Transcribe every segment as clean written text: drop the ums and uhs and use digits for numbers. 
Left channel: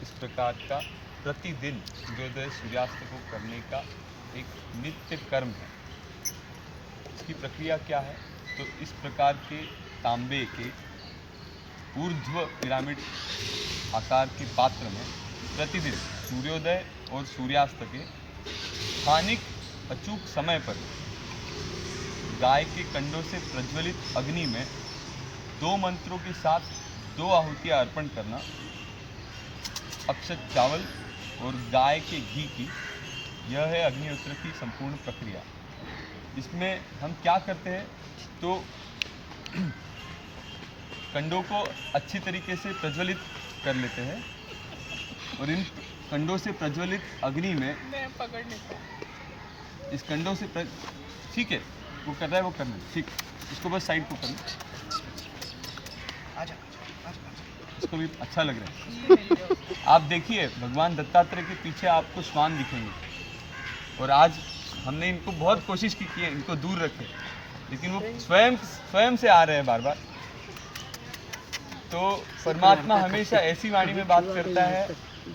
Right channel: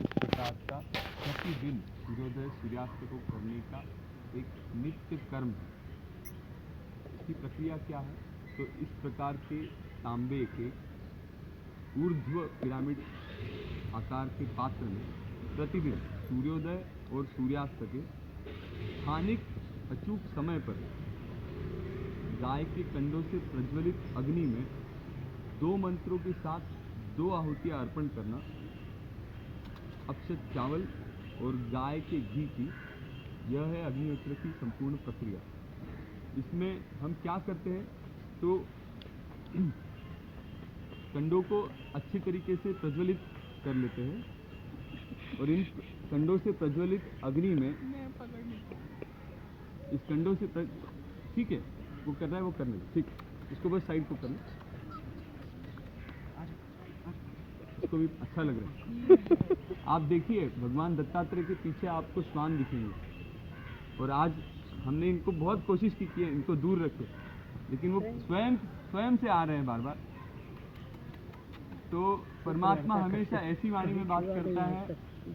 इस प्रकार का प्रतिदिन सूर्योदय सूर्यास्त को करने का एक नित्य कर्म है। इसकी प्रक्रिया क्या है? तो इस प्रकार के तांबे के ऊर्ध्व पिरामिड आकार के पात्र में प्रतिदिन सूर्योदय और सूर्यास्त के स्थानिक अचूक समय पर गाय के कंडों से प्रज्वलित अग्नि में 2 मंत्रों के साथ 2 आहुतियाँ अर्पण करना, अक्षत चावल और गाय के घी की, यह है अग्निहोत्र की संपूर्ण प्रक्रिया। इसमें हम क्या करते हैं तो कंडों को अच्छी तरीके से प्रज्वलित कर लेते हैं और इन कंडों से प्रज्वलित अग्नि में मैं पकड़ नहीं पाऊँ। इस कंडों से ठीक है, वो कर रहा है, वो करना ठीक, इसको बस साइड को करना, इसको भी अच्छा लग रहा है। आप देखिए भगवान दत्तात्रेय के पीछे आपको श्वान दिखेंगे और आज हमने इनको बहुत कोशिश की है इनको दूर रखे, लेकिन वो स्वयं से आ रहे हैं बार बार। तो परमात्मा हमेशा ऐसी वाणी में बात करता है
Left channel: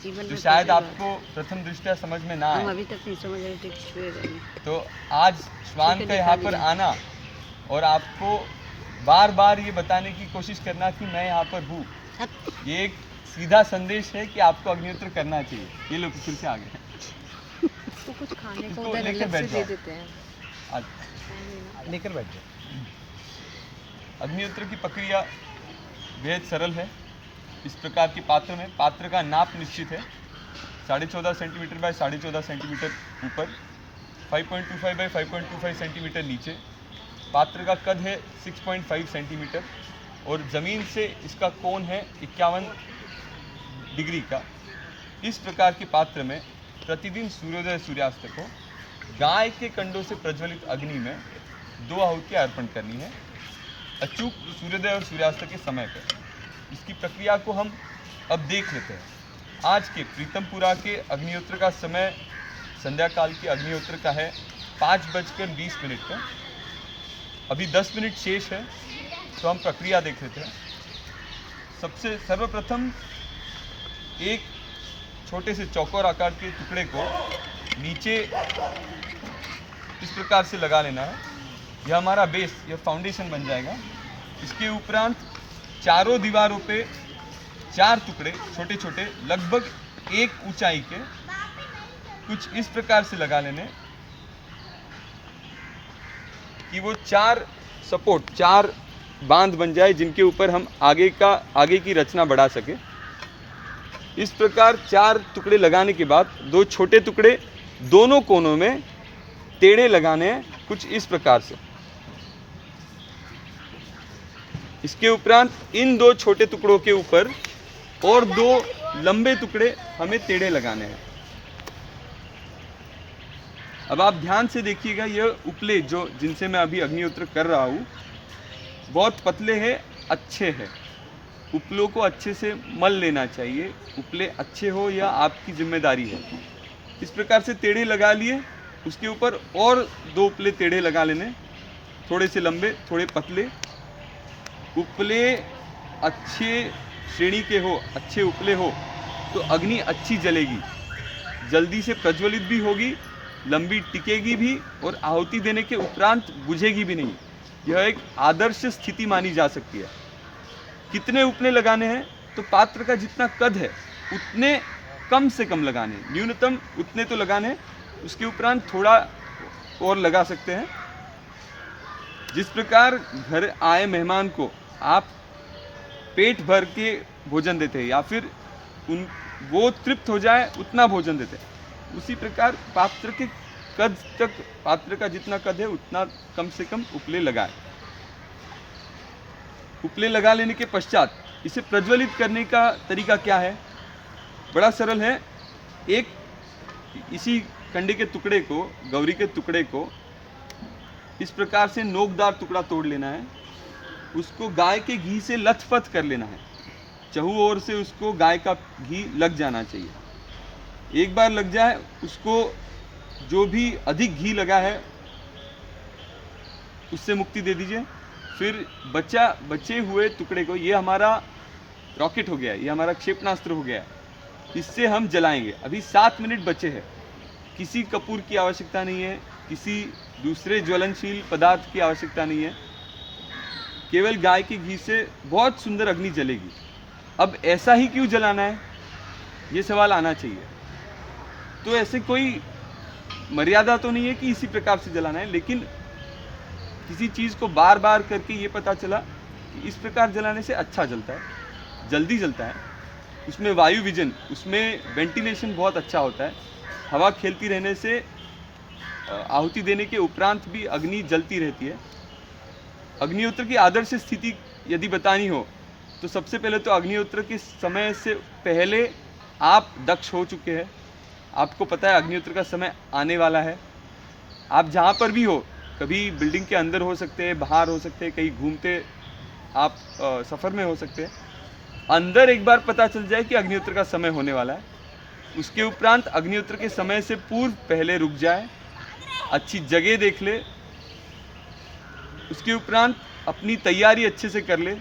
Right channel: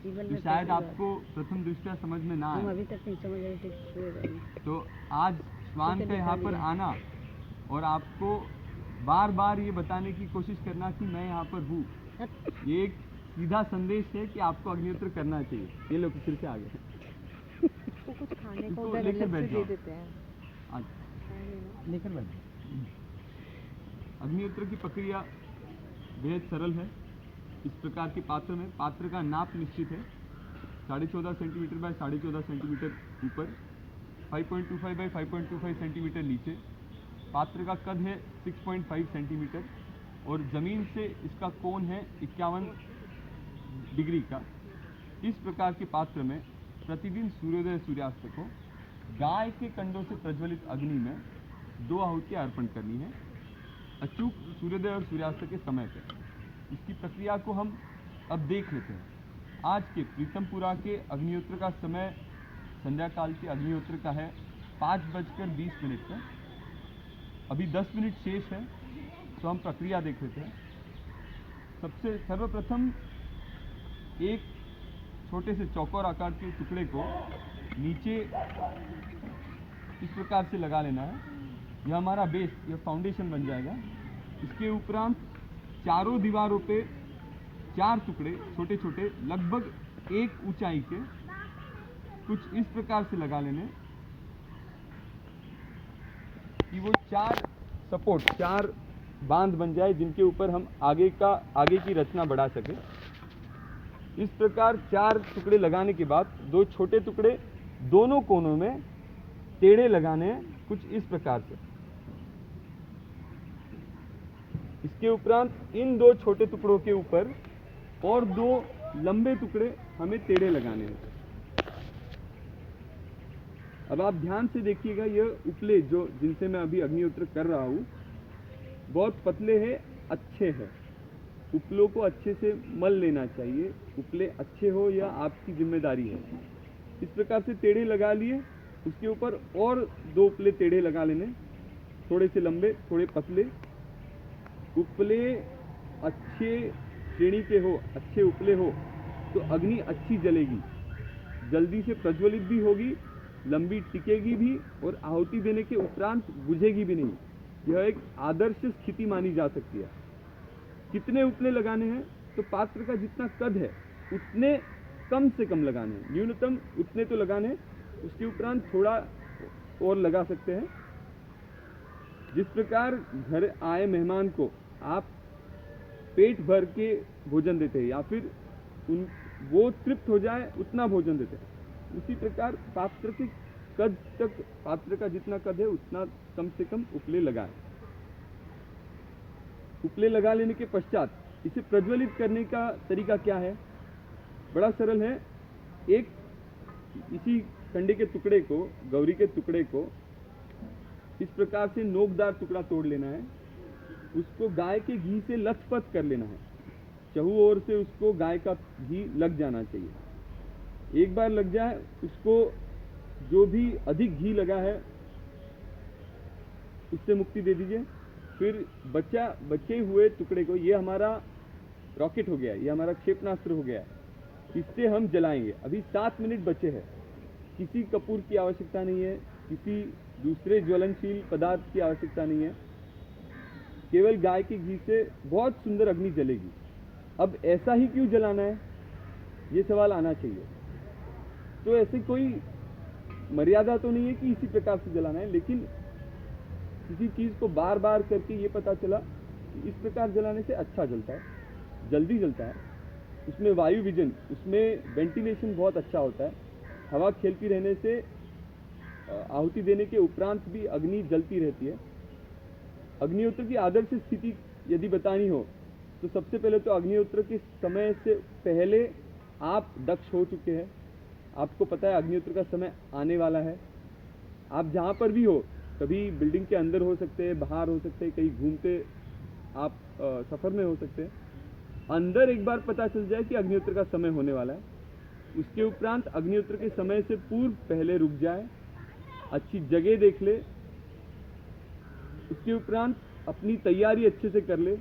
जो शायद आपको प्रथम दृष्टया समझ में ना आए। अभी तक नहीं समझ रहे। तो आज श्वान का यहाँ पर आना और आपको बार बार ये बताने की कोशिश करना कि मैं यहाँ पर हूँ, ये एक सीधा संदेश है कि आपको अग्निहोत्र करना चाहिए। ये लोग फिर से आ गए, तो कुछ खाने को इसको उधर लेकर अलग बैठ से दे जाओ। देते हैं। लेकर बैठ जाओ। अग्निहोत्र की प्रक्रिया बेहद सरल है। इस प्रकार के पात्र में पात्र का नाप निश्चित है, 14.5 सेंटीमीटर बाय 14.5 सेंटीमीटर ऊपर, 5.25 बाय 5.25 सेंटीमीटर नीचे। पात्र का कद है 6.5 सेंटीमीटर और ज़मीन से इसका कोण है 51 डिग्री का। इस प्रकार के पात्र में प्रतिदिन सूर्योदय सूर्यास्त को गाय के कंडों से प्रज्वलित अग्नि में 2 आहुतियाँ अर्पण करनी है, अचूक सूर्योदय और सूर्यास्त के समय पर। इसकी प्रक्रिया को हम अब देख लेते हैं। आज के प्रीतमपुरा के अग्निहोत्र का समय संध्या काल के अग्निहोत्र का है 5:20 का। अभी 10 मिनट शेष है, तो हम प्रक्रिया देख लेते हैं। सबसे सर्वप्रथम एक छोटे से चौकोर आकार के टुकड़े को नीचे इस प्रकार से लगा लेना है। यह हमारा बेस, यह फाउंडेशन बन जाएगा। इसके उपरांत चारों दीवारों पे 4 टुकड़े छोटे छोटे लगभग 1 ऊंचाई के कुछ इस प्रकार से लगा लेने कि वो 4 सपोर्ट, 4 बांध बन जाए जिनके ऊपर हम आगे की रचना बढ़ा सके। इस प्रकार 4 टुकड़े लगाने के बाद 2 छोटे टुकड़े दोनों कोनों में टेढ़े लगाने हैं कुछ इस प्रकार से। इसके उपरांत इन 2 छोटे टुकड़ों के ऊपर और 2 लंबे टुकड़े हमें टेढ़े लगाने हैं। अब आप ध्यान से देखिएगा, यह उपले जो जिनसे मैं अभी अग्निहोत्र कर रहा हूँ बहुत पतले हैं, अच्छे हैं। उपलों को अच्छे से मल लेना चाहिए, उपले अच्छे हो या आपकी जिम्मेदारी है। इस प्रकार से टेढ़े लगा लिए, उसके ऊपर और 2 उपले टेढ़े लगा लेने, थोड़े से लंबे थोड़े पतले। उपले अच्छे श्रेणी के हो, अच्छे उपले हो तो अग्नि अच्छी जलेगी, जल्दी से प्रज्वलित भी होगी, लंबी टिकेगी भी और आहुति देने के उपरांत बुझेगी भी नहीं। यह एक आदर्श स्थिति मानी जा सकती है। कितने उपले लगाने हैं तो पात्र का जितना कद है उतने कम से कम लगाने, न्यूनतम उतने तो लगाने, उसके उपरांत थोड़ा और लगा सकते हैं। जिस प्रकार घर आए मेहमान को आप पेट भर के भोजन देते हैं या फिर वो तृप्त हो जाए उतना भोजन देते हैं, उसी प्रकार पात्र के कद तक, पात्र का जितना कद है उतना कम से कम उपले लगाए। उपले लगा लेने के पश्चात इसे प्रज्वलित करने का तरीका क्या है? बड़ा सरल है। एक इसी कंडे के टुकड़े को, गौरी के टुकड़े को इस प्रकार से नोकदार टुकड़ा तोड़ लेना है, उसको गाय के घी से लथपथ कर लेना है। चहु ओर से उसको गाय का घी लग जाना चाहिए। एक बार लग जाए उसको जो भी अधिक घी लगा है उससे मुक्ति दे दीजिए। फिर बचे हुए टुकड़े को, ये हमारा रॉकेट हो गया, ये हमारा क्षेपणास्त्र हो गया, इससे हम जलाएंगे। अभी 7 मिनट बचे हैं। किसी कपूर की आवश्यकता नहीं है, किसी दूसरे ज्वलनशील पदार्थ की आवश्यकता नहीं है, केवल गाय के घी से बहुत सुंदर अग्नि जलेगी। अब ऐसा ही क्यों जलाना है, ये सवाल आना चाहिए। तो ऐसे कोई मर्यादा तो नहीं है कि इसी प्रकार से जलाना है, लेकिन किसी चीज़ को बार बार करके ये पता चला कि इस प्रकार जलाने से अच्छा जलता है, जल्दी जलता है, उसमें वायु विजन, उसमें वेंटिलेशन बहुत अच्छा होता है, हवा खेलती रहने से आहुति देने के उपरांत भी अग्नि जलती रहती है। अग्निहोत्र की आदर्श स्थिति यदि बतानी हो तो सबसे पहले तो अग्निहोत्र के समय से पहले आप दक्ष हो चुके हैं, आपको पता है अग्निहोत्र का समय आने वाला है। आप जहाँ पर भी हो, कभी बिल्डिंग के अंदर हो सकते हैं, बाहर हो सकते हैं, कहीं घूमते आप सफ़र में हो सकते हैं, अंदर एक बार पता चल जाए कि अग्निहोत्र का समय होने वाला है, उसके उपरांत अग्निहोत्र के समय से पूर्व पहले रुक जाए, अच्छी जगह देख ले, उसके उपरांत अपनी तैयारी अच्छे से कर ले।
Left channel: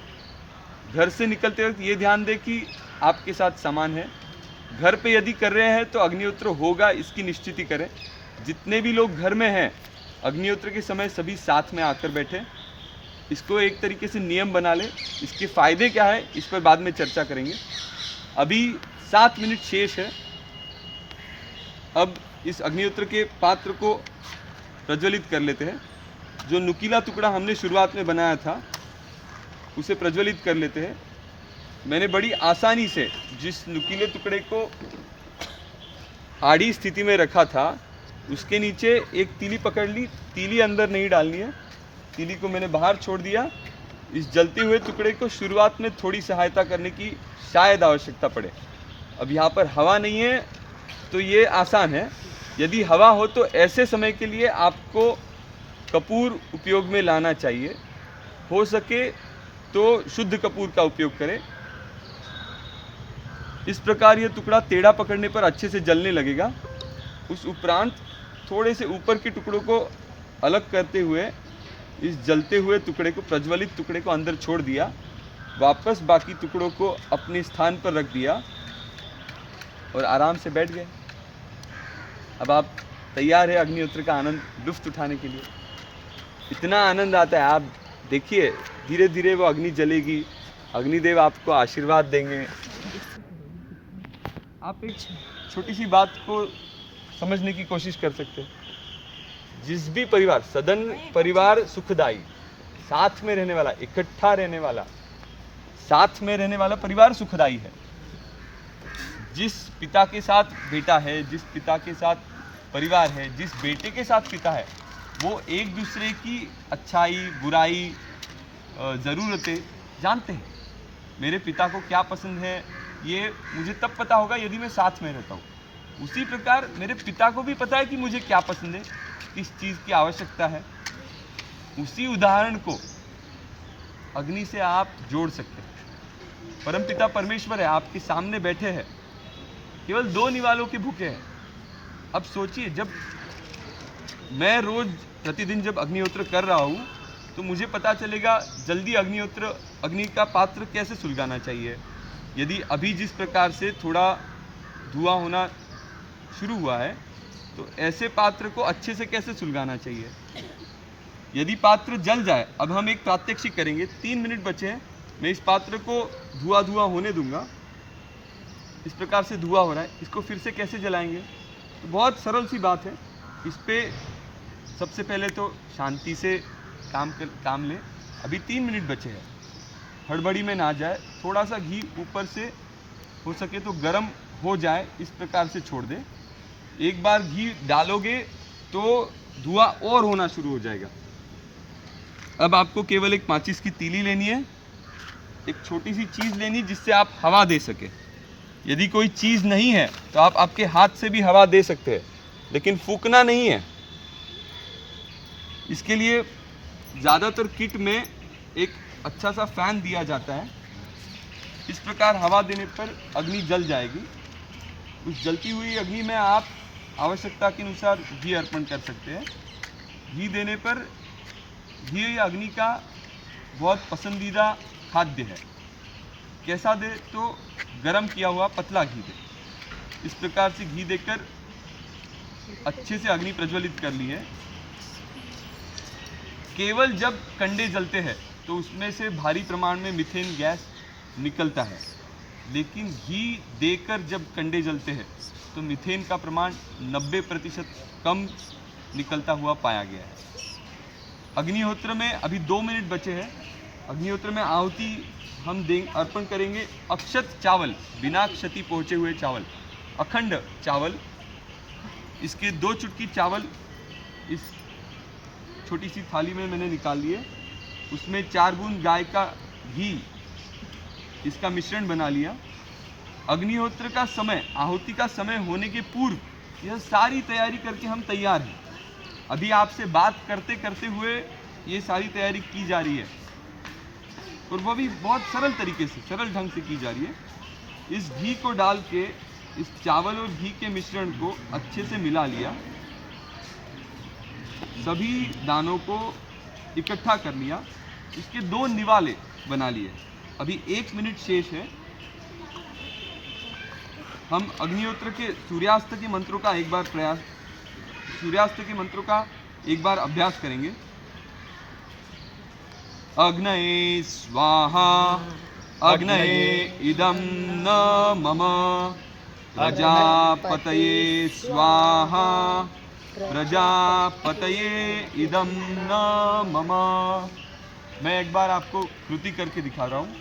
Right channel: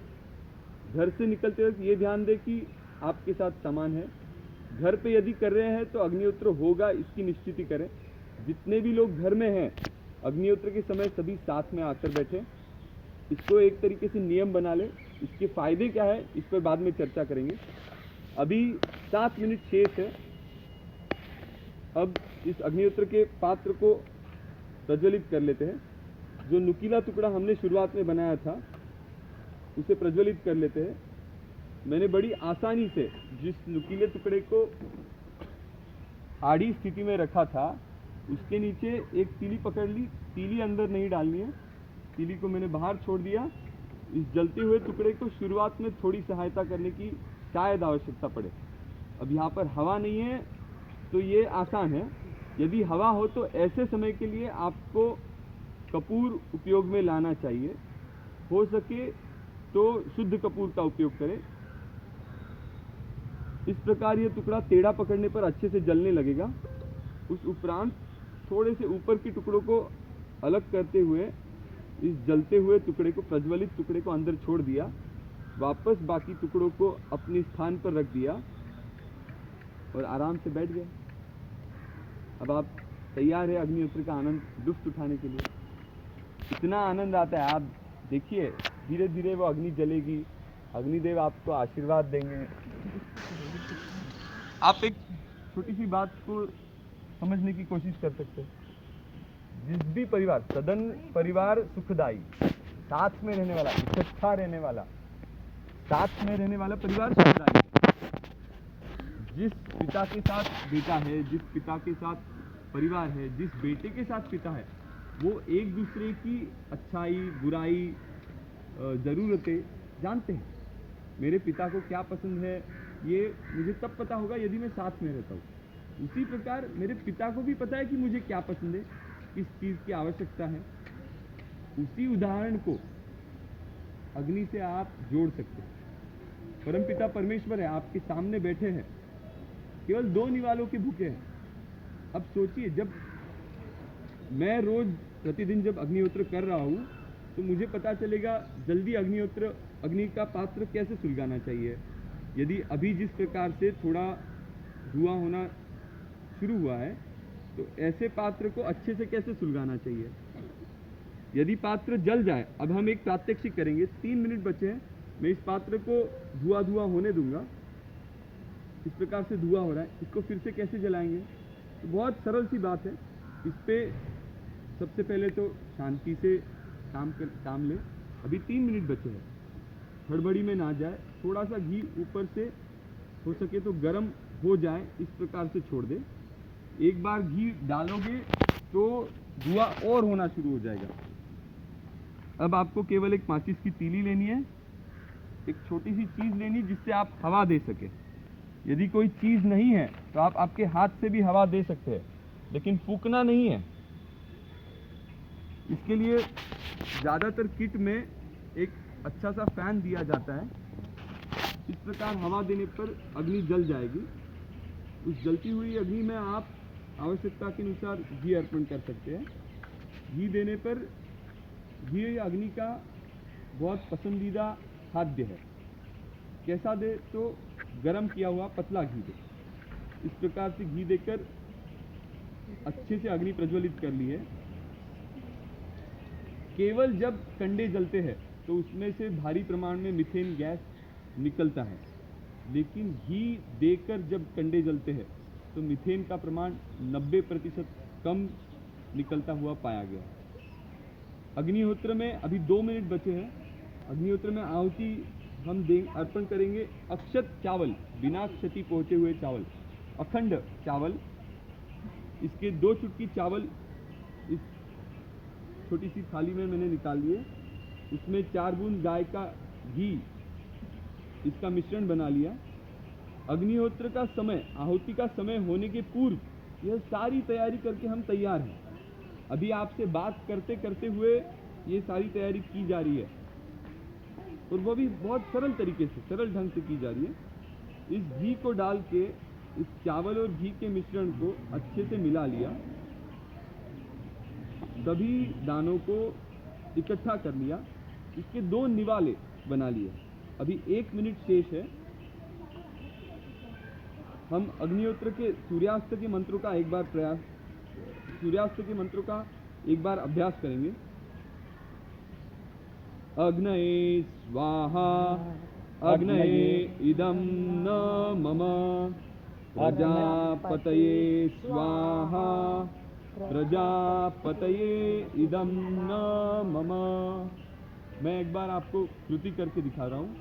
घर से निकलते वक्त ये ध्यान दे कि आपके साथ सामान है। घर पे यदि कर रहे हैं तो अग्निहोत्र होगा, इसकी निश्चिति करें। जितने भी लोग घर में हैं, अग्निहोत्र के समय सभी साथ में आकर बैठे, इसको एक तरीके से नियम बना लें। इसके फ़ायदे क्या है इस पर बाद में चर्चा करेंगे। अभी 7 मिनट शेष है। अब इस अग्निहोत्र के पात्र को प्रज्वलित कर लेते हैं। जो नुकीला टुकड़ा हमने शुरुआत में बनाया था उसे प्रज्वलित कर लेते हैं। मैंने बड़ी आसानी से जिस नुकीले टुकड़े को आड़ी स्थिति में रखा था उसके नीचे एक तीली पकड़ ली। तीली अंदर नहीं डालनी है, तीली को मैंने बाहर छोड़ दिया। इस जलते हुए टुकड़े को शुरुआत में थोड़ी सहायता करने की शायद आवश्यकता पड़े। अब यहाँ पर हवा नहीं है तो ये आसान है। यदि हवा हो तो ऐसे समय के लिए आपको कपूर उपयोग में लाना चाहिए। हो सके तो शुद्ध कपूर का उपयोग करें। इस प्रकार यह टुकड़ा टेढ़ा पकड़ने पर अच्छे से जलने लगेगा। उस उपरांत थोड़े से ऊपर के टुकड़ों को अलग करते हुए इस जलते हुए टुकड़े को, प्रज्वलित टुकड़े को अंदर छोड़ दिया। वापस बाकी टुकड़ों को अपने स्थान पर रख दिया और आराम से बैठ गए। अब आप तैयार है अग्निहोत्र का आनंद लुफ्त उठाने के लिए। इतना आनंद आता है, आप देखिए धीरे धीरे वो अग्नि जलेगी, अग्निदेव आपको आशीर्वाद देंगे। आप एक छोटी सी बात को समझने की कोशिश कर सकते हैं। जिस भी परिवार, सदन परिवार सुखदाई, साथ में रहने वाला, इकट्ठा रहने वाला, साथ में रहने वाला परिवार सुखदाई है। जिस पिता के साथ बेटा है, जिस पिता के साथ परिवार है, जिस बेटे के साथ पिता है, वो एक दूसरे की अच्छाई, बुराई, ज़रूरतें जानते हैं। मेरे पिता को क्या पसंद है ये मुझे तब पता होगा यदि मैं साथ में रहता हूँ। उसी प्रकार मेरे पिता को भी पता है कि मुझे क्या पसंद है, किस चीज़ की आवश्यकता है। उसी उदाहरण को अग्नि से आप जोड़ सकते हैं। परमपिता परमेश्वर है, आपके सामने बैठे हैं, केवल 2 निवालों के भूखे हैं। अब सोचिए, जब मैं रोज प्रतिदिन जब अग्निहोत्र कर रहा हूँ तो मुझे पता चलेगा जल्दी अग्नि का पात्र कैसे सुलगाना चाहिए। यदि अभी जिस प्रकार से थोड़ा धुआं होना शुरू हुआ है तो ऐसे पात्र को अच्छे से कैसे सुलगाना चाहिए। यदि पात्र जल जाए, अब हम एक प्रात्यक्षिक करेंगे। 3 मिनट बचे हैं, मैं इस पात्र को धुआं होने दूंगा। इस प्रकार से धुआं हो रहा है, इसको फिर से कैसे जलाएंगे। तो बहुत सरल सी बात है। इस पे सबसे पहले तो शांति से काम लें। अभी 3 मिनट बचे हैं, हड़बड़ी में ना जाए। थोड़ा सा घी ऊपर से हो सके तो गर्म हो जाए, इस प्रकार से छोड़ दें। एक बार घी डालोगे तो धुआं और होना शुरू हो जाएगा। अब आपको केवल एक माचिस की तीली लेनी है, एक छोटी सी चीज़ लेनी जिससे आप हवा दे सके। यदि कोई चीज़ नहीं है तो आप आपके हाथ से भी हवा दे सकते हैं, लेकिन फूकना नहीं है। इसके लिए ज़्यादातर किट में एक अच्छा सा फैन दिया जाता है। इस प्रकार हवा देने पर अग्नि जल जाएगी। उस जलती हुई अग्नि में आप आवश्यकता के अनुसार घी अर्पण कर सकते हैं। घी देने पर, घी अग्नि का बहुत पसंदीदा खाद्य है। कैसा दे तो गरम किया हुआ पतला घी दे। इस प्रकार से घी देकर अच्छे से अग्नि प्रज्वलित कर ली है। केवल जब कंडे जलते हैं तो उसमें से भारी प्रमाण में मीथेन गैस निकलता है, लेकिन घी देकर जब कंडे जलते हैं तो मीथेन का प्रमाण 90% कम निकलता हुआ पाया गया है। अग्निहोत्र में अभी 2 मिनट बचे हैं। अग्निहोत्र में आहुति हम अर्पण करेंगे अक्षत चावल, बिना क्षति पहुँचे हुए चावल, अखंड चावल। इसके 2 चुटकी चावल इस छोटी सी थाली में मैंने निकाल लिए। उसमें 4 बूंद गाय का घी, इसका मिश्रण बना लिया। अग्निहोत्र का समय, आहुति का समय होने के पूर्व यह सारी तैयारी करके हम तैयार हैं। अभी आपसे बात करते करते हुए ये सारी तैयारी की जा रही है, और वो भी बहुत सरल तरीके से, सरल ढंग से की जा रही है। इस घी को डाल के इस चावल और घी के मिश्रण को अच्छे से मिला लिया, सभी दानों को इकट्ठा कर लिया, इसके 2 निवाले बना लिए। अभी 1 मिनट शेष है। हम अग्निहोत्र के सूर्यास्त के मंत्रों का एक बार अभ्यास करेंगे। अग्नये स्वाहा अग्नये इदं न मम, प्रजापतये स्वाहा प्रजापतये इदं न मम। मैं एक बार आपको कृति करके दिखा रहा हूँ।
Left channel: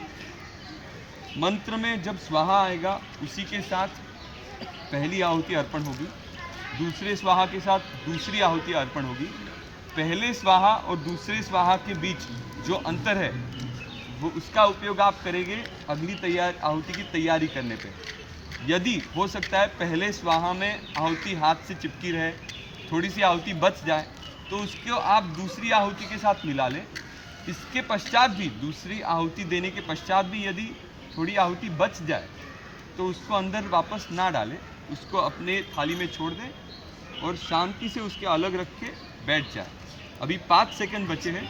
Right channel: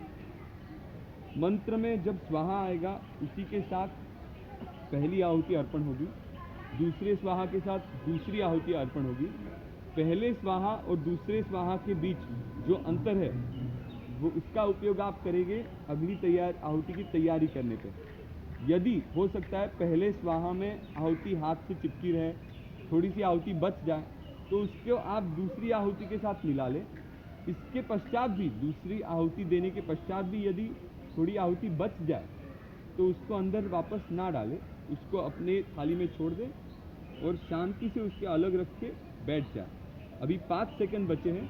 मंत्र में जब स्वाहा आएगा उसी के साथ पहली आहुति अर्पण होगी, दूसरे स्वाहा के साथ दूसरी आहुति अर्पण होगी। पहले स्वाहा और दूसरे स्वाहा के बीच जो अंतर है वो उसका उपयोग आप करेंगे अगली आहुति की तैयारी करने पे। यदि हो सकता है पहले स्वाहा में आहुति हाथ से चिपकी रहे, थोड़ी सी आहुति बच जाए, तो उसको आप दूसरी आहुति के साथ मिला लें। इसके पश्चात भी, दूसरी आहुति देने के पश्चात भी यदि थोड़ी आहुति बच जाए तो उसको अंदर वापस ना डालें, उसको अपने थाली में छोड़ दें और शांति से उसके अलग रख के बैठ जाए। अभी 5 सेकंड बचे हैं।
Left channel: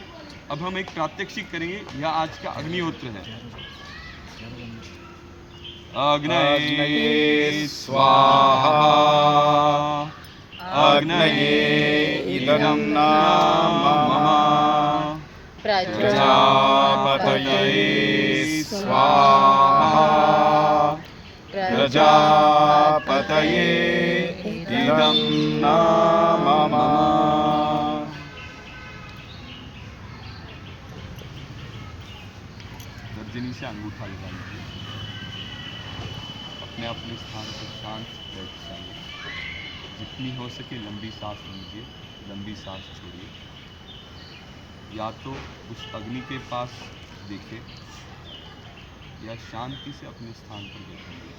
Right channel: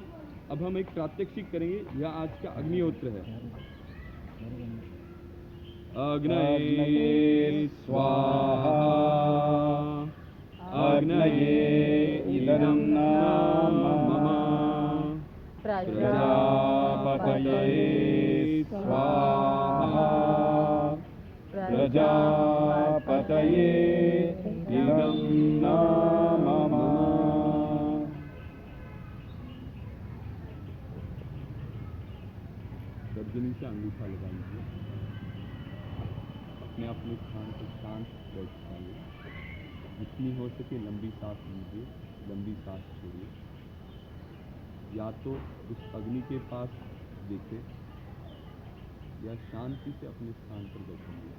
अब हम एक प्रात्यक्षिक करेंगे। यह आज का अग्निहोत्र है। अग्नये स्वाहा अग्नये इदं न मम, प्रजापतये स्वाहा प्रजापतये इदं न मम। तर्जनी से अंगूठा लगा लीजिए। अपने अपने स्थान पर शांत बैठ जाइए। जितनी हो सके लंबी सांस लीजिए, लंबी सांस छोड़िए। या तो उस अग्नि के पास देखें या शांति से अपने स्थान पर बैठेंगे।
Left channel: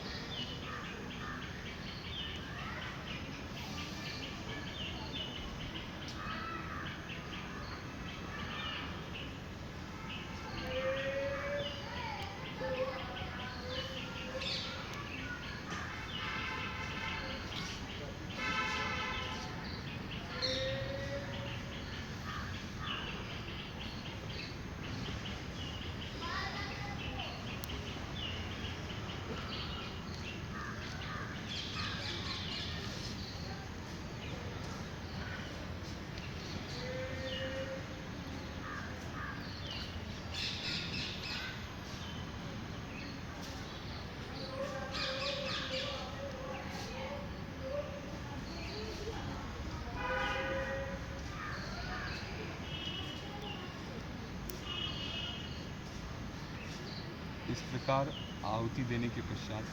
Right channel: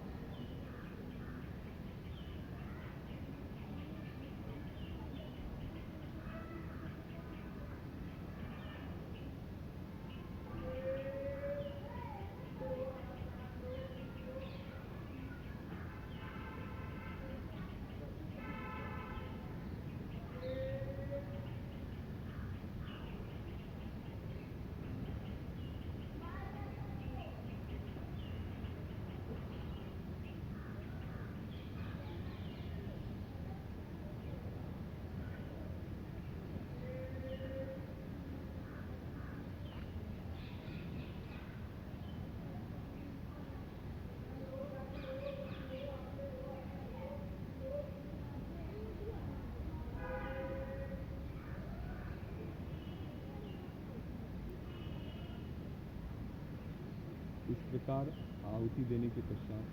इस प्रकार आहुति देने के पश्चात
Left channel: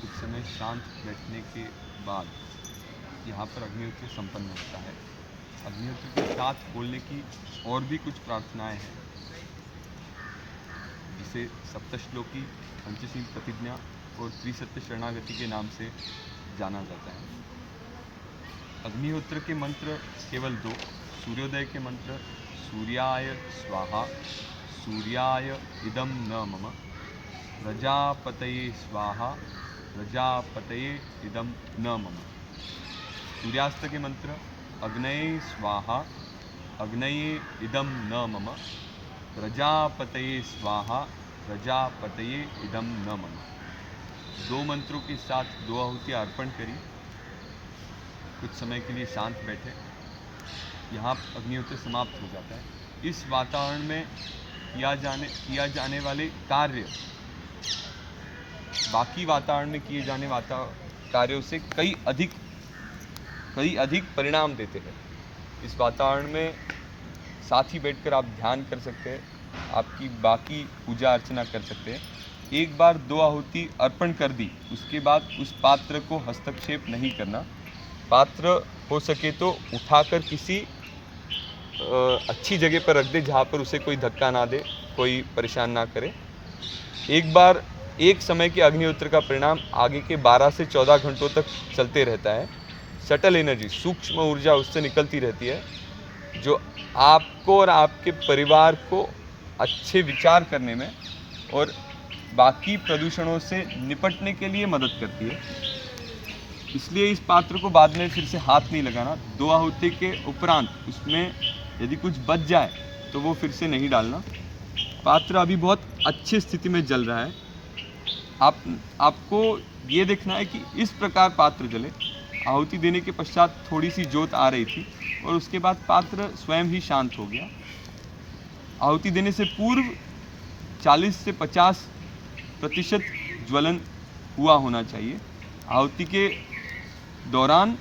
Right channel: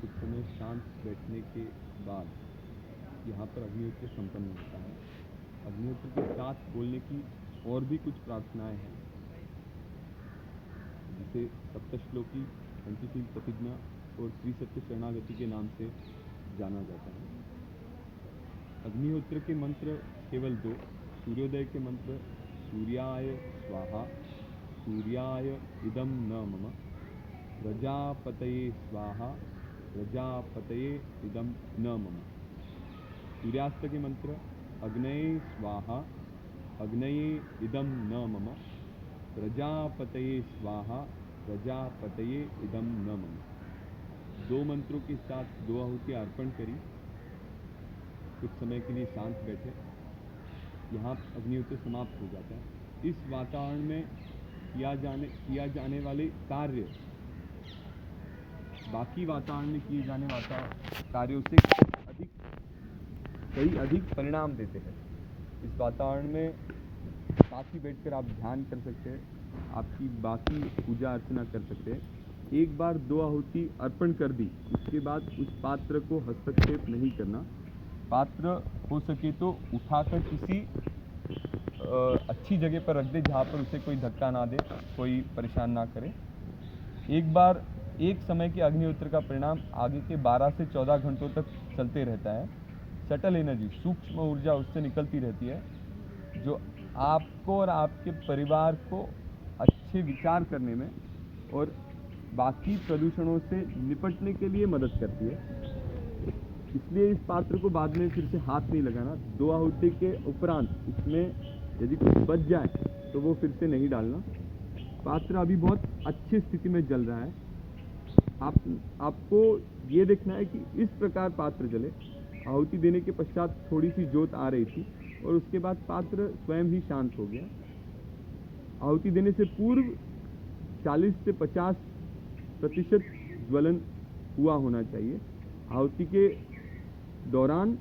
कुछ समय शांत बैठने के बाद यहाँ पर अग्निहोत्र संपन्न होता है। अग्निहोत्र के साथ बोलने की और भी कुछ प्रार्थनाएं हैं, जिसे सप्तश्लोकी, पंचशील प्रतिज्ञा और त्रिसत्य शरणागति के नाम से जाना जाता है। अग्निहोत्र के मंत्र केवल 2। सूर्योदय के मंत्र सूर्याय स्वाहा सूर्याय इदं न मम, प्रजापतये स्वाहा प्रजापतये इदं न मम। सूर्यास्त के मंत्र अग्नये स्वाहा अग्नये इदं न मम, प्रजापतये स्वाहा प्रजापतये इदं न मम। 2 मंत्रों के साथ 2 आहुतियाँ अर्पण करी। कुछ समय के लिए शांत बैठे। यहाँ अग्निहोत्र समाप्त हो जाता है। इस वातावरण में किया जाने वाले कार्य बाकी वातावरण में किए जाने कार्यों से कई अधिक परिणाम देते हैं। इस वातावरण में साथ ही बैठकर आप ध्यान कर सकते हैं, आपकी बाकी पूजा अर्चना कर सकते हैं। एक बार 2 आहुति अर्पण कर दी, उसके बाद उस पात्र को हस्तक्षेप नहीं करना। पात्र हो सके तो उठाकर किसी अच्छी जगह पर रख दे जहाँ पर उसे कोई धक्का ना दे, कोई परेशान ना करे। एक समय के अग्निहोत्र का परिणाम आगे के 12 से 14 घंटों तक चलते रहता है। सटल एनर्जी, सूक्ष्म ऊर्जा उससे निकलती रहती है, जो आपको और आपके परिवार को अच्छे विचार करने में और बाकी प्रदूषणों से निपटने के लिए मदद करती है। इसलिए इस पात्र को बाद में फिर से हाथ नहीं लगाना। 2 आहुति के उपरांत उसमें यदि कुछ बच जाए तो वो फिर से नहीं डालना। पात्र अभी बहुत अच्छी स्थिति में जल रहा है। आपको ये देखना है कि इस प्रकार पात्र जले। आहुति देने के पश्चात थोड़ी सी ज्योत आ रही थी और उसके बाद पात्र स्वयं ही शांत हो गया। आहुति देने से पूर्व 40 से 50% ज्वलन हुआ होना चाहिए। आहुति के दौरान,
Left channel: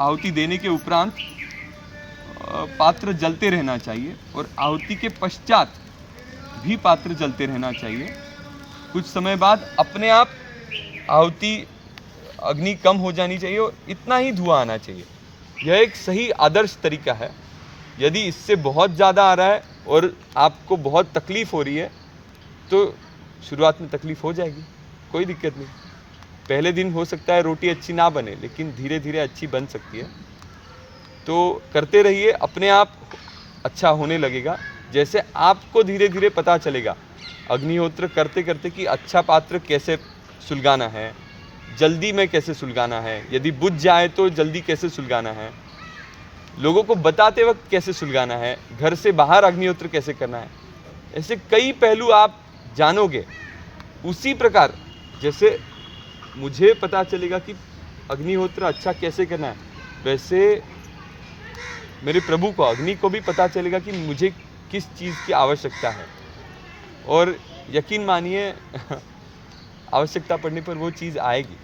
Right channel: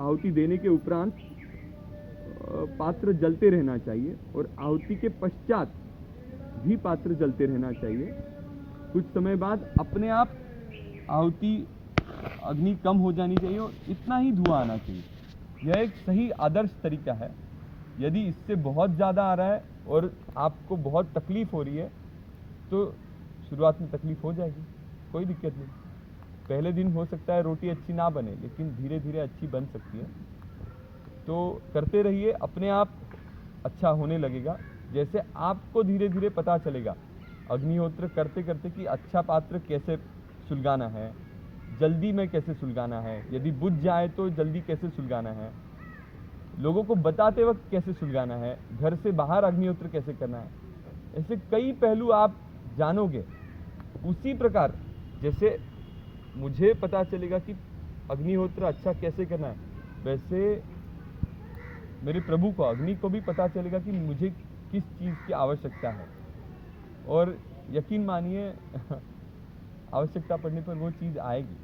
आहुति देने के उपरांत पात्र जलते रहना चाहिए और आहुति के पश्चात भी पात्र जलते रहना चाहिए। कुछ समय बाद अपने आप आहुति अग्नि कम हो जानी चाहिए और इतना ही धुआं आना चाहिए। यह एक सही आदर्श तरीका है। यदि इससे बहुत ज़्यादा आ रहा है और आपको बहुत तकलीफ हो रही है तो शुरुआत में तकलीफ हो जाएगी, कोई दिक्कत नहीं। पहले दिन हो सकता है रोटी अच्छी ना बने, लेकिन धीरे धीरे अच्छी बन सकती है। तो करते रहिए, अपने आप अच्छा होने लगेगा। जैसे आपको धीरे धीरे पता चलेगा अग्निहोत्र करते करते कि अच्छा पात्र कैसे सुलगाना है, जल्दी में कैसे सुलगाना है, यदि बुझ जाए तो जल्दी कैसे सुलगाना है, लोगों को बताते वक्त कैसे सुलगाना है, घर से बाहर अग्निहोत्र कैसे करना है, ऐसे कई पहलू आप जानोगे। उसी प्रकार जैसे मुझे पता चलेगा कि अग्निहोत्र अच्छा कैसे करना है, वैसे मेरे प्रभु को, अग्नि को भी पता चलेगा कि मुझे किस चीज़ की आवश्यकता है। और यकीन मानिए आवश्यकता पड़ने पर वो चीज़ आएगी।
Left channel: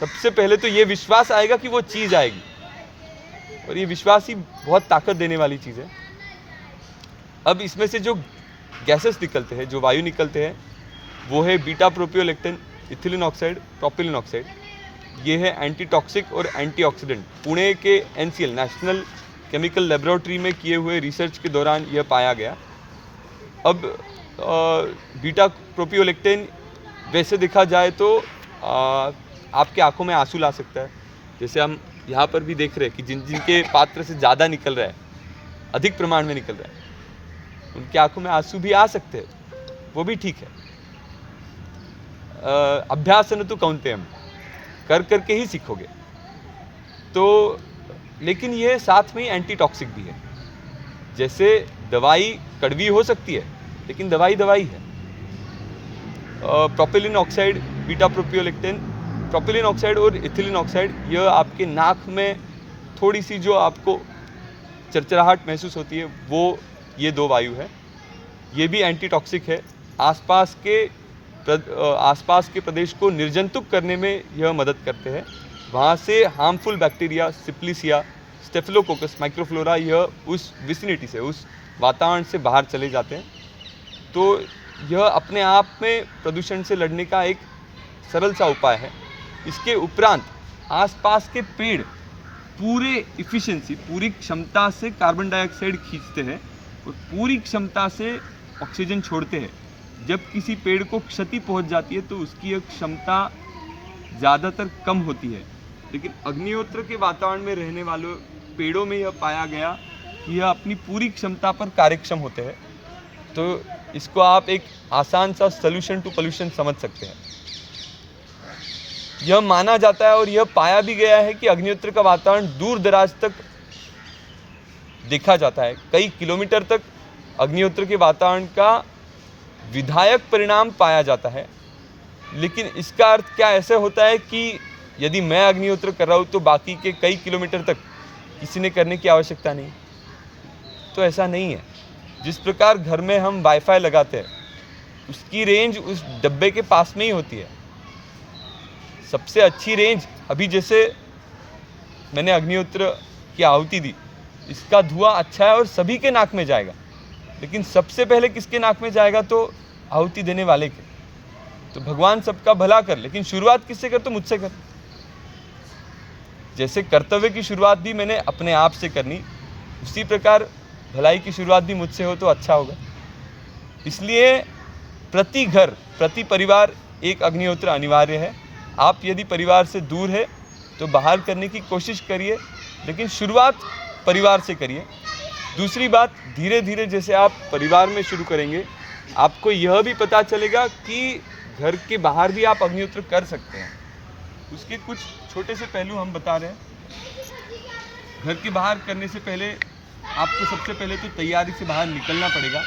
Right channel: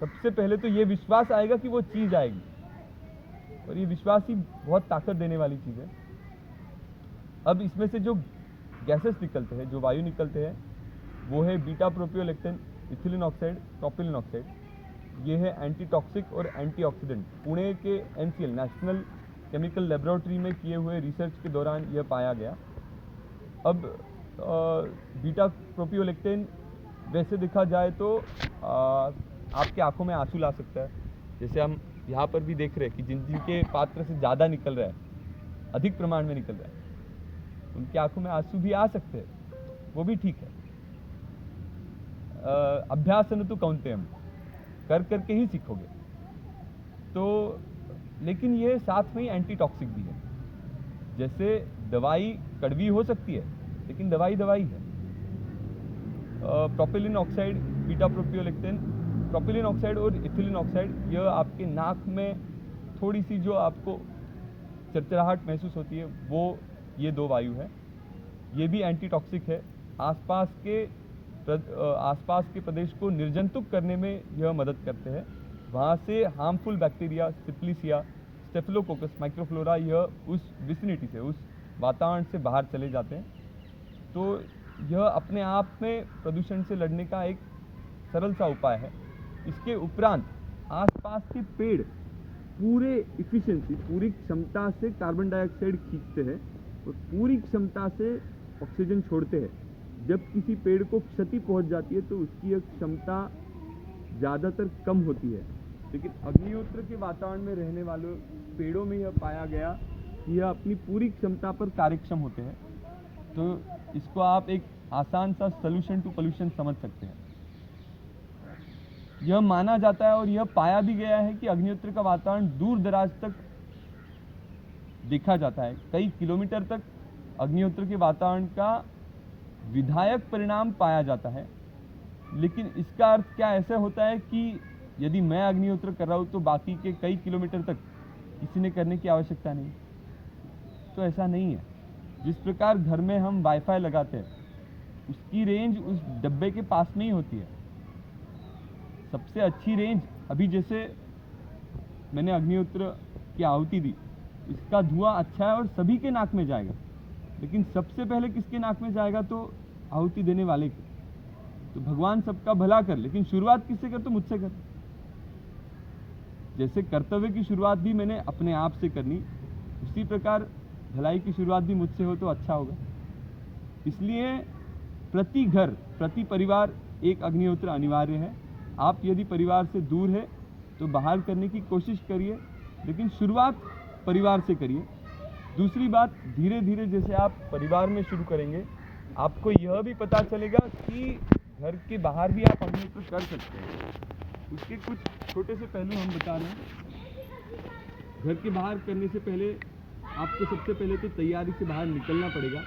सबसे पहले तो ये विश्वास आएगा कि वो चीज़ आएगी, और ये विश्वास ही बहुत ताकत देने वाली चीज़ है। अब इसमें से जो गैसेस निकलते हैं, जो वायु निकलते हैं, वो है beta propiolactone, ethylene oxide, propylene oxide. ये है एंटी टॉक्सिक और एंटीऑक्सीडेंट। पुणे के NCL, नेशनल केमिकल लेबोरेटरी में किए हुए रिसर्च के दौरान यह पाया गया। अब बीटा प्रोपियोलेक्टेन वैसे देखा जाए तो आपके आंखों में आंसू ला सकता है। जैसे हम यहाँ पर भी देख रहे हैं कि जिनके पात्र से ज़्यादा निकल रहा है, अधिक प्रमाण में निकल रहा है, उनकी आंखों में आंसू भी आ सकते हैं, वो भी ठीक है। अभ्यासन तो कौन्तेयम, कर करके ही सीखोगे। तो लेकिन ये साथ में ही एंटी टॉक्सिक भी है। जैसे दवाई कड़वी हो सकती है, लेकिन दवाई दवाई है। Propylene oxide, beta propiolactone, propylene oxide और इथिलीन ऑक्साइड, यह आपके नाक में थोड़ी सी जो आपको चरचराहट महसूस होती है, वो ये 2 वायु है। ये भी एंटी टॉक्सिक है। आसपास के प्रदेश को निर्जंतुक करने में यह मदद करते हैं। वहाँ से हार्मफुल बैक्टीरिया, सिप्लिसिया, स्टेफिलोकोकस, माइक्रोफ्लोरा, यह उस विसिनिटी से, उस वातावरण से बाहर चले जाते हैं। तो यह अपने आप में प्रदूषण से लड़ने का एक सरल सा उपाय है। इसके उपरांत आसपास के पेड़ पूरे इफ़िशिएंसी, पूरी क्षमता से कार्बन डाइऑक्साइड खींचते हैं और पूरी क्षमता से ऑक्सीजन छोड़ते हैं। जब किसी पेड़ को क्षति पहुंच जाती है तो उसकी यह क्षमता ज़्यादातर कम होती है, लेकिन अग्निहोत्र के वातावरण में रहने वालों पेड़ों में यह पाया गया कि यह अपनी पूरी क्षमता पर कार्यक्षम होते हैं। तो इसको आप एक आसान सा सॉल्यूशन टू पोल्यूशन समझ सकते हैं। यह माना जाता है और यह पाया भी गया है कि अग्निहोत्र का वातावरण दूर दराज तक देखा जाता है। कई किलोमीटर तक अग्निहोत्र के वातावरण का विधायक परिणाम पाया जाता है। लेकिन इसका अर्थ क्या ऐसे होता है कि यदि मैं अग्निहोत्र कर रहा हूँ तो बाकी के कई किलोमीटर तक किसी ने करने की आवश्यकता नहीं? तो ऐसा नहीं है। जिस प्रकार घर में हम वाईफाई लगाते हैं, उसकी रेंज उस डब्बे के पास में ही होती है। सबसे अच्छी रेंज, अभी जैसे मैंने अग्निहोत्र की आहुति दी, इसका धुआं अच्छा है और सभी के नाक में जाएगा, लेकिन सबसे पहले किसके नाक में जाएगा? तो आहुति देने वाले के। तो भगवान सबका भला कर, लेकिन शुरुआत किससे कर? तो मुझसे कर। जैसे कर्तव्य की शुरुआत भी मैंने अपने आप से करनी, उसी प्रकार भलाई की शुरुआत भी मुझसे हो तो अच्छा होगा। इसलिए प्रति घर, प्रति परिवार एक अग्निहोत्र अनिवार्य है। आप यदि परिवार से दूर है तो बाहर करने की कोशिश करिए, लेकिन शुरुआत परिवार से करिए। दूसरी बात, धीरे धीरे जैसे आप परिवार में शुरू करेंगे, आपको यह भी पता चलेगा कि घर के बाहर भी आप अग्निहोत्र कर सकते हैं। उसके कुछ छोटे से पहलू हम बता रहे हैं। घर के बाहर करने से पहले आपको सबसे पहले तो तैयारी से बाहर निकलना पड़ेगा।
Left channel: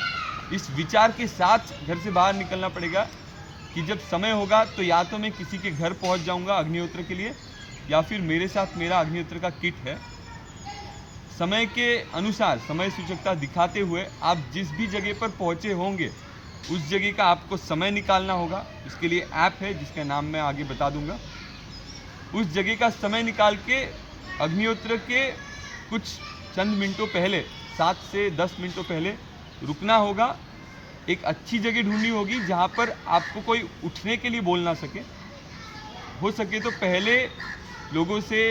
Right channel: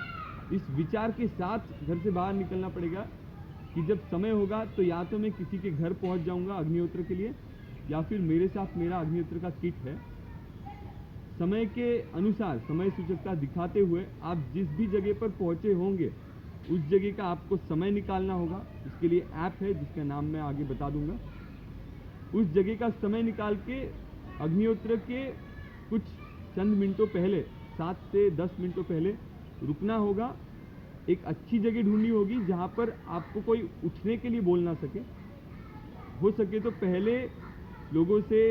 इस विचार के साथ घर से बाहर निकलना पड़ेगा कि जब समय होगा तो या तो मैं किसी के घर पहुंच जाऊंगा अग्निहोत्र के लिए, या फिर मेरे साथ मेरा अग्निहोत्र का किट है। समय के अनुसार समय सूचकता दिखाते हुए आप जिस भी जगह पर पहुंचे होंगे उस जगह का आपको समय निकालना होगा। इसके लिए ऐप है जिसका नाम मैं आगे बता दूंगा। उस जगह का समय निकाल के अग्निहोत्र के कुछ चंद मिनटों पहले, 7 से 10 मिनटों पहले रुकना होगा। एक अच्छी जगह ढूंढनी होगी जहाँ पर आपको कोई उठने के लिए बोल ना सके। हो सके तो पहले लोगों से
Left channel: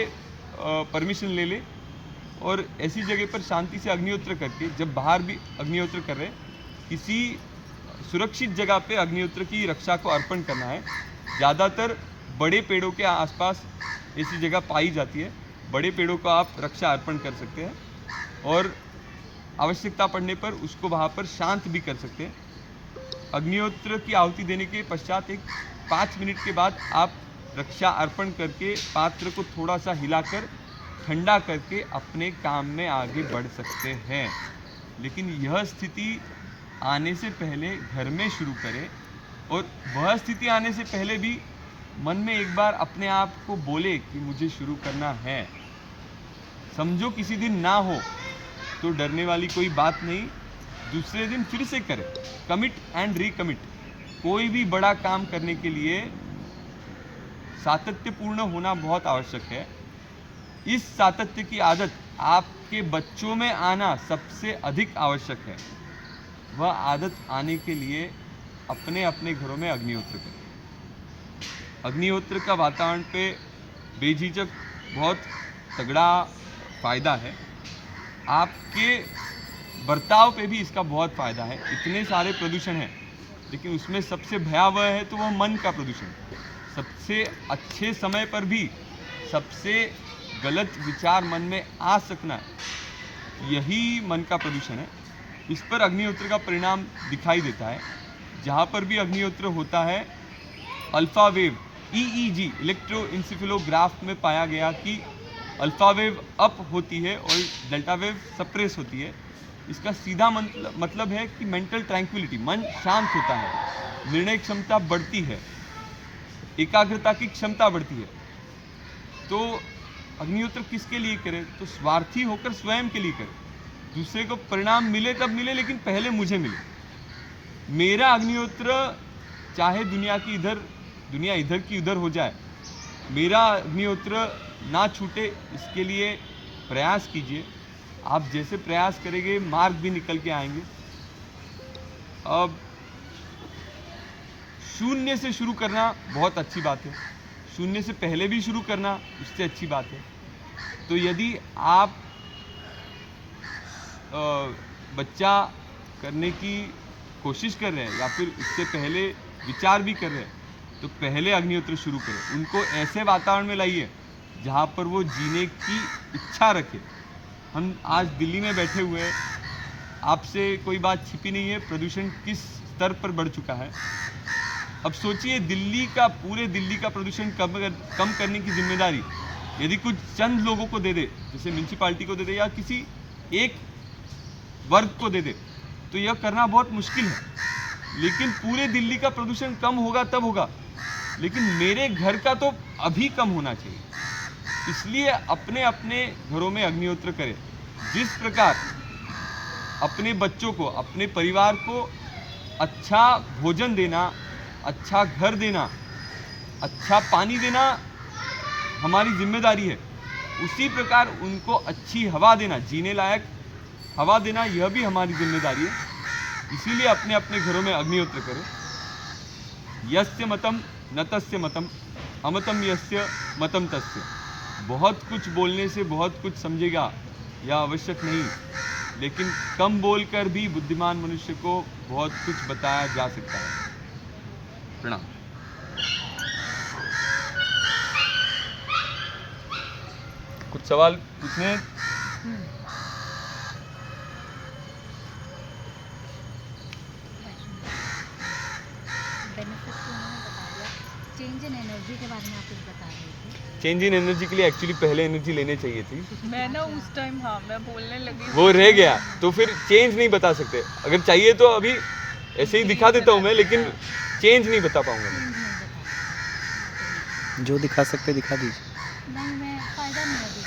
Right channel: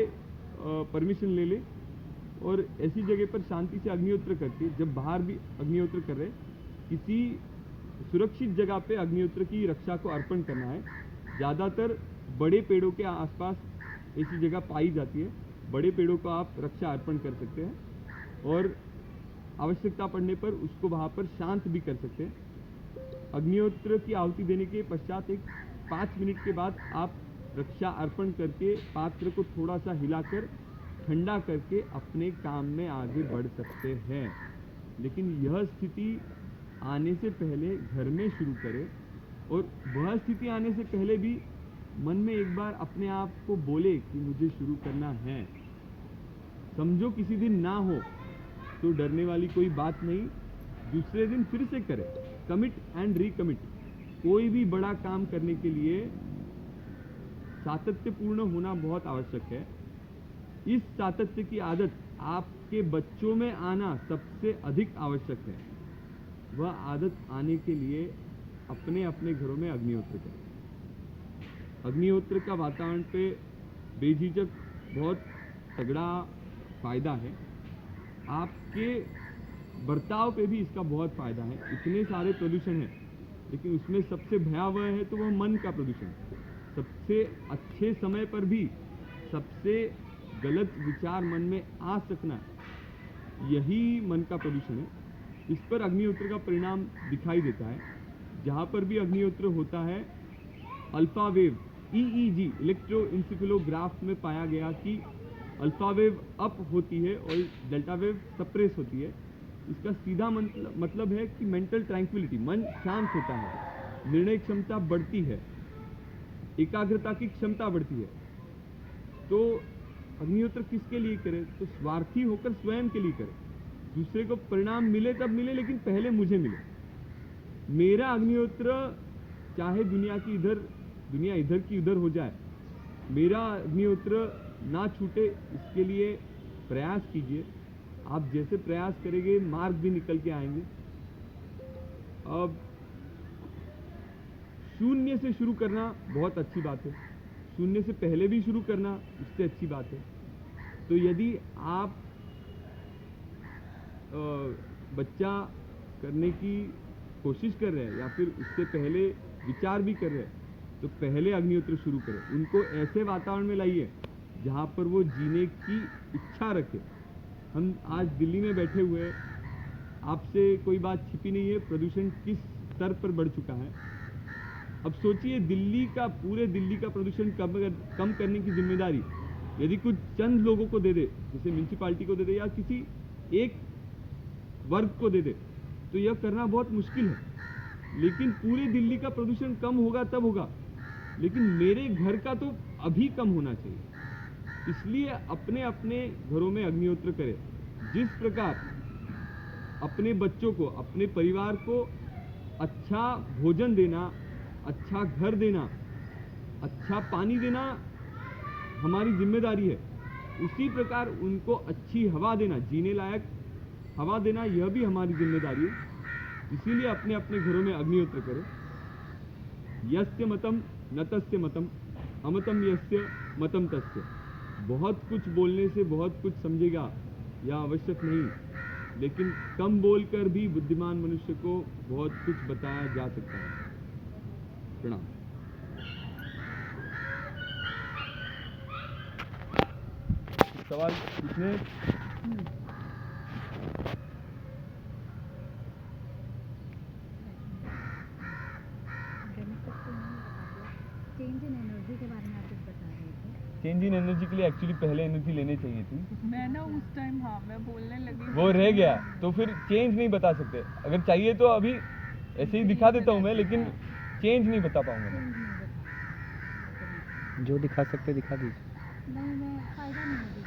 परमिशन ले ले और ऐसी जगह पर शांति से अग्निहोत्र करके, जब बाहर भी अग्निहोत्र कर रहे, किसी सुरक्षित जगह पे अग्निहोत्र की रक्षा को अर्पण करना है। ज़्यादातर बड़े पेड़ों के आसपास ऐसी जगह पाई जाती है। बड़े पेड़ों को आप रक्षा अर्पण कर सकते हैं और आवश्यकता पड़ने पर उसको वहाँ पर शांत भी कर सकते हैं। अग्निहोत्र की आहुति देने के पश्चात एक 5 मिनट के बाद आप रक्षा अर्पण करके पात्र को थोड़ा सा हिलाकर ठंडा करके अपने काम में आगे बढ़ सकते हैं। लेकिन यह स्थिति आने से पहले घर में शुरू करें, और वह स्थिति आने से पहले भी मन में एक बार अपने आप को बोले कि मुझे शुरू करना है। समझो किसी दिन ना हो तो डरने वाली कोई बात नहीं, दूसरे दिन फिर से करें। Commit and recommit. कोई भी बड़ा काम करने के लिए सातत्यपूर्ण होना बहुत आवश्यक है। इस सातत्य की आदत आपके बच्चों में आना सबसे अधिक आवश्यक है। वह आदत आने के लिए अपने अपने घरों में अग्निहोत्र करें। अग्निहोत्र का वातावरण पे बेझिझक बहुत तगड़ा फायदा है। आपके बर्ताव पे भी इसका बहुत फायदा है। इतने सारे प्रदूषण हैं, लेकिन उसमें सबसे भयावह है तो वह मन का प्रदूषण। सबसे अच्छे समय पर भी सबसे गलत विचार मन में आ सकना, यही मन का प्रदूषण है। इस पर अग्निहोत्र का परिणाम दिखाई देता है। जहाँ पर भी अग्निहोत्र होता है, अल्फा वेव EEG इलेक्ट्रोइंसेफेलोग्राफ में पाया गया कि अल्फा वेव अप होती है और डेल्टा वेव सप्रेस होती है। इसका सीधा मतलब है कि मेंटल ट्रैंक्विलिटी, मन शांत होता है, निर्णय क्षमता बढ़ती है, एकाग्रता की क्षमता बढ़ती है। तो अग्निहोत्र किसके लिए करें? तो स्वार्थी होकर स्वयं के लिए करें। दूसरे को परिणाम मिले तब मिले, लेकिन पहले मुझे मिले। मेरा अग्निहोत्र चाहे दुनिया इधर की उधर हो जाए, मेरा अग्निहोत्र ना छूटे, इसके लिए प्रयास कीजिए। आप जैसे प्रयास करेंगे मार्ग भी निकल के आएंगे। अब शून्य से शुरू करना बहुत अच्छी बात है। शून्य से पहले भी शुरू करना उससे अच्छी बात है। तो यदि आप बच्चा करने की कोशिश कर रहे हैं या फिर उससे पहले विचार भी कर रहे हैं, तो पहले अग्निहोत्र शुरू करें। उनको ऐसे वातावरण में लाइए जहाँ पर वो जीने की इच्छा रखे। हम आज दिल्ली में बैठे हुए हैं, आपसे कोई बात छिपी नहीं है, प्रदूषण किस स्तर पर बढ़ चुका है। अब सोचिए, पूरे दिल्ली का प्रदूषण कम करने की जिम्मेदारी यदि कुछ चंद लोगों को दे दे, जैसे म्यूनसिपालिटी को दे दे या किसी एक वर्ग को दे दे, तो यह करना बहुत मुश्किल है। लेकिन पूरे दिल्ली का प्रदूषण कम होगा तब होगा। लेकिन मेरे घर का तो अभी कम होना चाहिए। इसलिए अपने अपने घरों में अग्निहोत्र करें। जिस प्रकार अपने बच्चों को, अपने परिवार को अच्छा भोजन देना, अच्छा घर देना, अच्छा पानी देना हमारी जिम्मेदारी है, उसी प्रकार उनको अच्छी हवा देना, जीने लायक हवा देना, यह भी हमारी जिम्मेदारी है। इसीलिए अपने अपने घरों में अग्निहोत्र करें। यस्य मतम न तस्य मतम, अमतम यस्य मतम तस्य। बहुत कुछ बोलने से बहुत कुछ समझेगा यह आवश्यक नहीं, लेकिन कम बोलकर भी बुद्धिमान मनुष्य को बहुत कुछ बताया जा सकता है। प्रणाम। कुछ सवाल पूछने हैं? बेनिफिट तो उन्होंने बता दिया। चेंज इन एनर्जी के बारे में आप कुछ बता रहे थे। चेंज इन एनर्जी के लिए एक्चुअली पहले एनर्जी लेने चाहिए थी, मैं ना उस टाइम हाँ मैं बोलने लगी वो रह गया, तो फिर चेंज नहीं बता सकते। अगर चाहिए तो अभी ऐसे ही दिखा देता हूँ मैं, लेकिन चेंज नहीं बता पाऊंगा मैं। चेंज नहीं बता। जो दिखा सकते दिखा दीजिए। नहीं, मैं फ़ायदा नहीं अभी,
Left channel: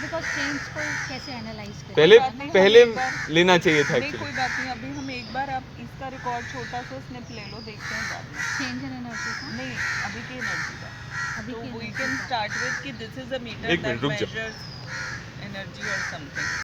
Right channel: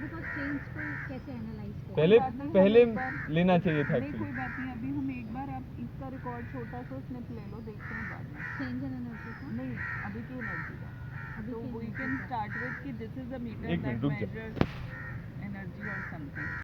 बिकॉज चेंज को कैसे एनालाइज करें। पहले लेना चाहिए था नहीं एक्चुअली। कोई बात नहीं, अभी हम एक बार आप इसका रिकॉर्ड छोटा सा स्निप ले लो, देखते हैं बाद में। चेंज इन एनर्जी का नहीं अभी की एनर्जी का, अभी तो की वी energy कैन का। स्टार्ट विद कि दिस इज अ मीटर एक मिनट, दैट रुक जाओ। मेजर्स एनर्जी और समथिंग।